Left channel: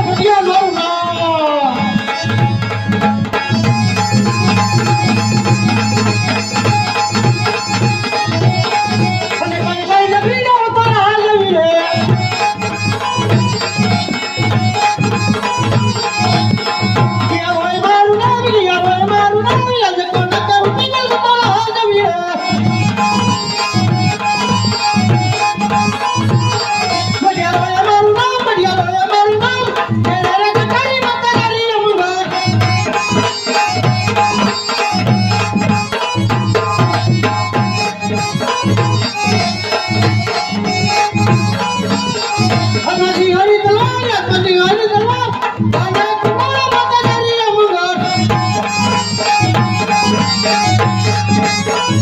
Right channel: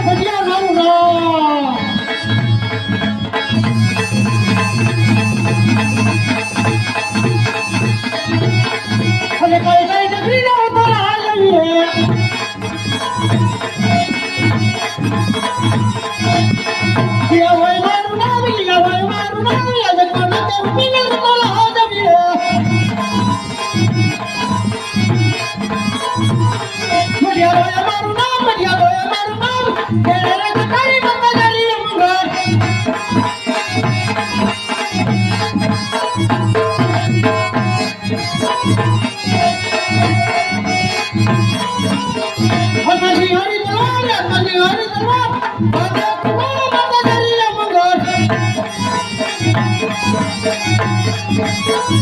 不要不要，好不？Thank you.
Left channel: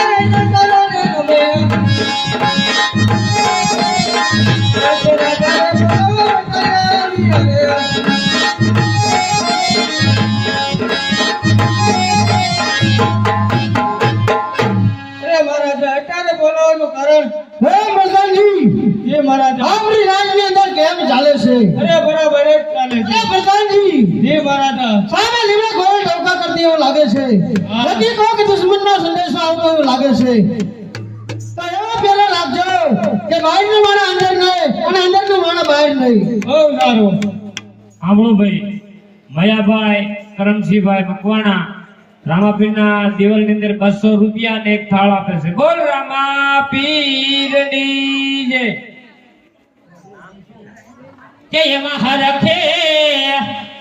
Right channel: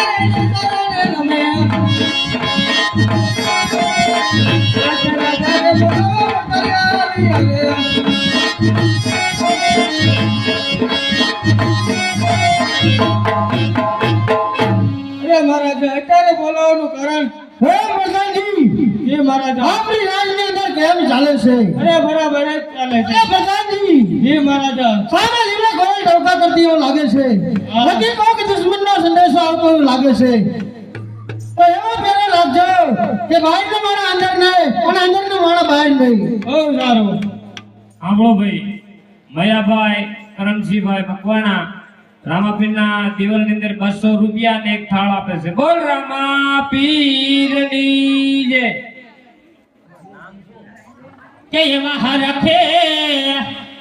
અરે મહારાજા અત્યારે બોલાવવાનું કારણ હે જે મહારાજા. આપણી રાજની અંદર કેમ ચાલે છે? અરે બરાબર જ ચાલે છે. હે પ્રધાનજી જે મહારાજા. સામે લીમડે કરતી એવું લાગે છે. નથી કહો કે દુશ્મનનો સંદેશો આવતો એવું લાગે છે. તો એવો પેલા લાગજો કે બહારનો માણસ અંદર નહીં અને અંદરનો માણસ બહાર નહીં. બહુ સારું. સાંભળો ભાઈ મયાભાઈ કરમસિંહભાઈ મકવાણા રામાપીરના દિવાલની અંદર બસો રૂપિયા ને એક થાળ આપે છે. બોલ રામા પીરની જય જય મહારથે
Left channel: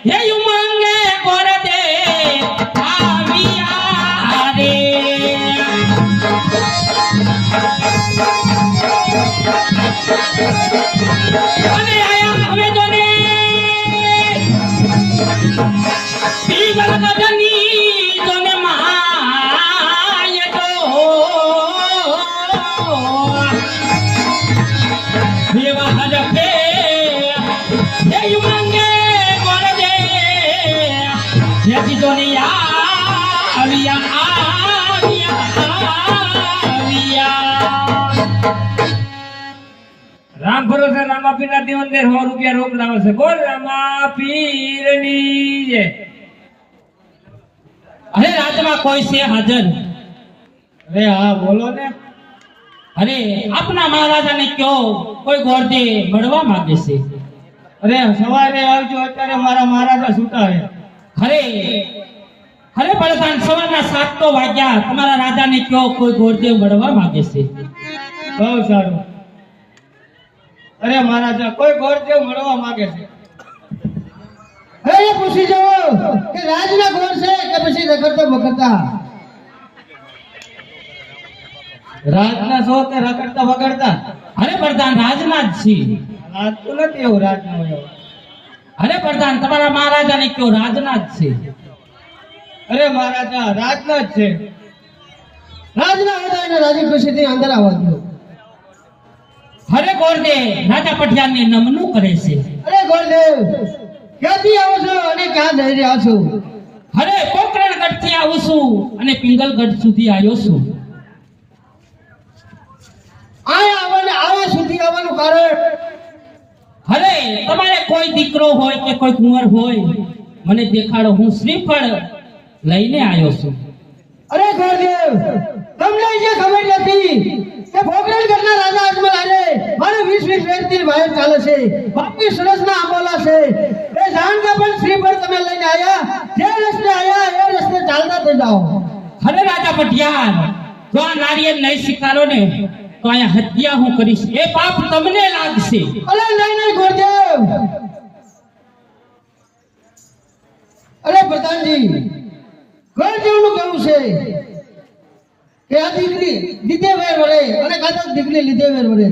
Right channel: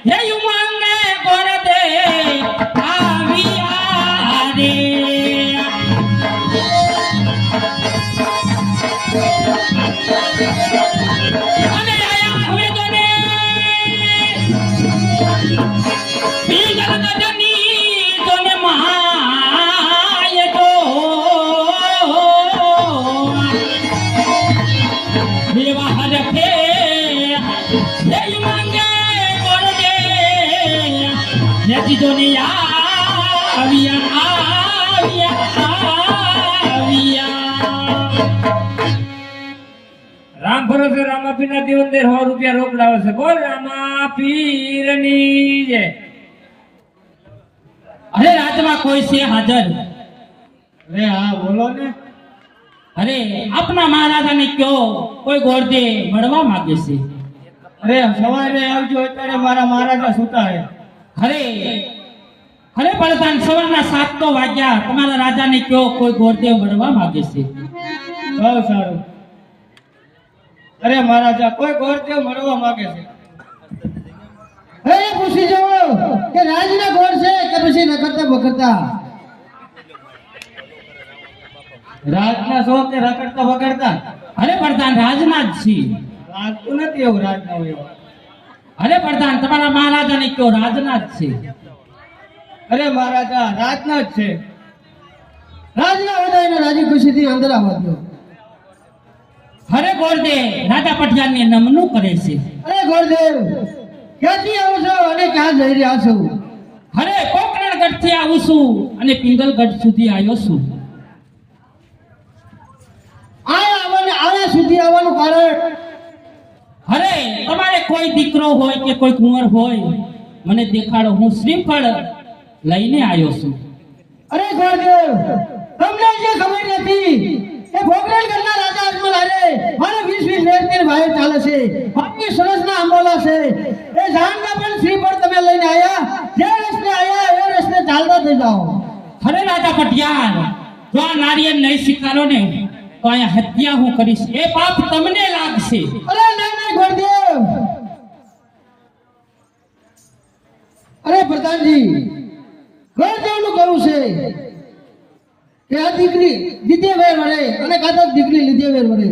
જય મંગે કોરદે જેથી ભરોસે રામા પીર ના રામ ભરોસે અંદર સો રૂપિયા રોક લાવે છે બોલ રામા પીરની જય અરે રાતમાં કોઈ છે હાજર અરે હા બોલો ને અરે આપના મહારાજાને કયો કોઈ ગોરદે મળવા માંગે છે અરે સવારે આવજો અત્યારે મારા મહારાજા સુતા હે અરે અરે પ્રધાન સવારના સાત તો વાગ્યા. તમારા રાજાને કયો કોઈ ગોરદેવ મળવા માંગે છે? બહુ સારું. અરે મહારાજા કોઈ ગોરદેવ મળવા માંગે છે? એ પૂછી જવો કે રાજના ગોળ છે કે પછી રખડતા બખડતા? રાતના શો કે રખડતા વગડતા અરે પ્રધાન રાજના જ છીએ લાગતું નથી એવું રાતના હોય અરે પ્રધાન તમારા મહારાજાને કયો રાજના જ છે? અરે મહારાજા રાજના જ છે. રાજના હતા એને રાજી ખુશીથી અંદર આવવા દો હરે ગોરદે રાજા પઠિયાને નમનું કરે છે. અરે ગોરદેવ ક્યાંથી આવો છો? અને ક્યાં જઈ રહ્યા છો? હરે પોકરણગઢથી આવું છું અને પિંગલગઢ સુધી આવ્યો છું. આયા આવવાને આવા સુધી આવવાનું કારણ? હરે તમારે કોઈ દીકરો હોય કે કોઈ કુંવર હોય મને દેખાડો હું શ્રીફળ લઈને આવ્યો છું. અરે ગુરુદેવ તમને જે ખબર નથી કે ભોગરેલ ઘરના રાજા અજમલ અરે મારે વીસ વીસ વર્ષથી ભાઈ ચાલે છે બાકી સરસના આંબાલા છે. એ જાણતા પણ શ્રીફળ તમે લઈને આયા જે રસ્તે આયા એ રસ્તે ચાલતા થઈ જાઓ. ખરે રાજા પટિયાર જો આ નારિયેલ નહીં સ્વીકારો ને તો અહીંયા હત્યા હું કરીશ. એ પાપ તમને લાગશે. અરે નહીં નહીં ગુરુદેવ અરે પ્રધાનજી ગોરદેવનું કેવું છે કે આ દીકરી દીધે વેર વળે અને કાતર દીકરી લીધે વેર વળે.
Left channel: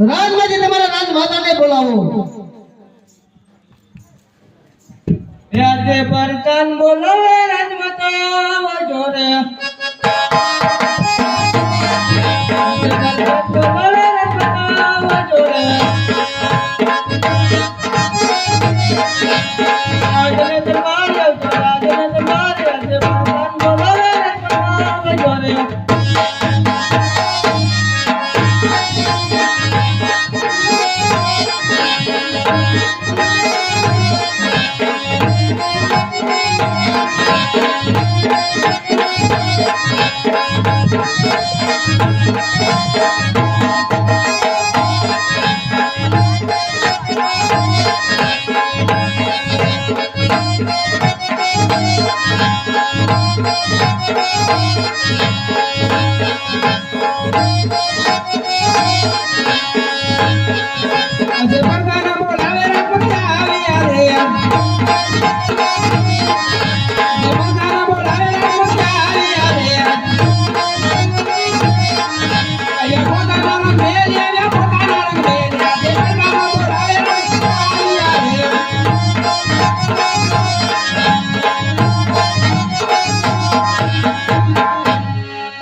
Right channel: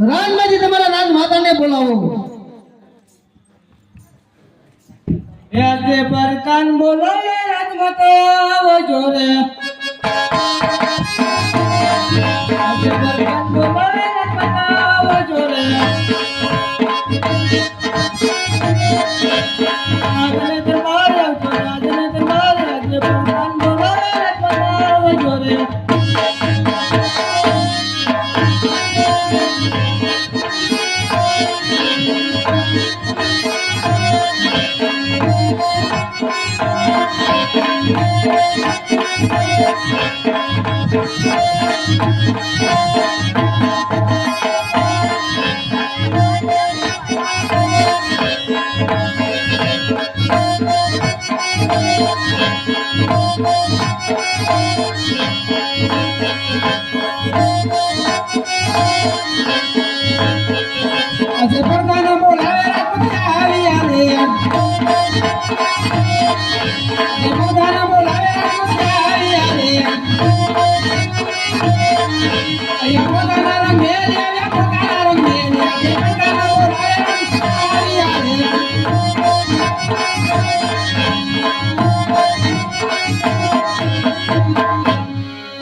રાજમાંથી તમારા રાજમાતાને બોલાવો. આજે પરકાન બોલો રાજમાતા જોરે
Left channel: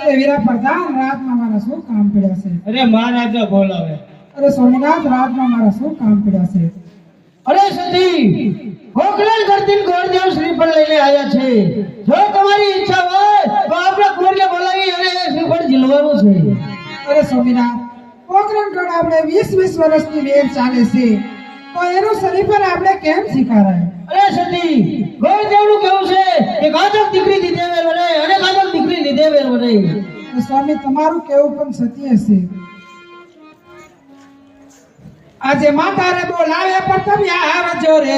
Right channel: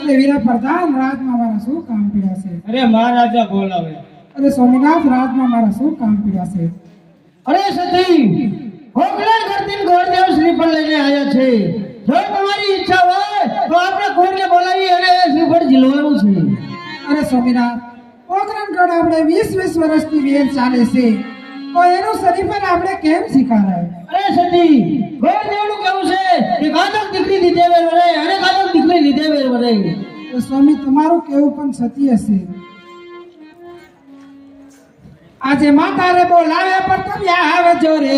અરે વીરા પ્રધાન રાતમાં કામ પડ્યા છે? અરે મહારાજા બોલાવે. અરે સ્વામિનાથ રાતમાં મારા શું કામ પડ્યા છે? અરે સતી ગોખલેલ કરતી શ્રી પર લઈને આવ્યા છે. જો તમારી ઈચ્છા હોય તો આપણે કોઈને બોલાવી અને શ્રી પર જીલવાનું છે. અરે સ્વામિનાથ ગોકળણ રોડ આપણે વીસ વીસ વર્ષથી વેન ચાલે છે. તો એનું શરીફર આપણે કેમ સ્વીકારાય? અરે સતી ગોળદેવનું કેવું છે કે કાતર દીકરી દીધે વેર વરે અને ઘાતક દીકરી લીધે વેર વરે. સ્વામી તમારું કેવું પણ સતી છે. આજે માતારે બોલાવે પણ તમે આવજો રે.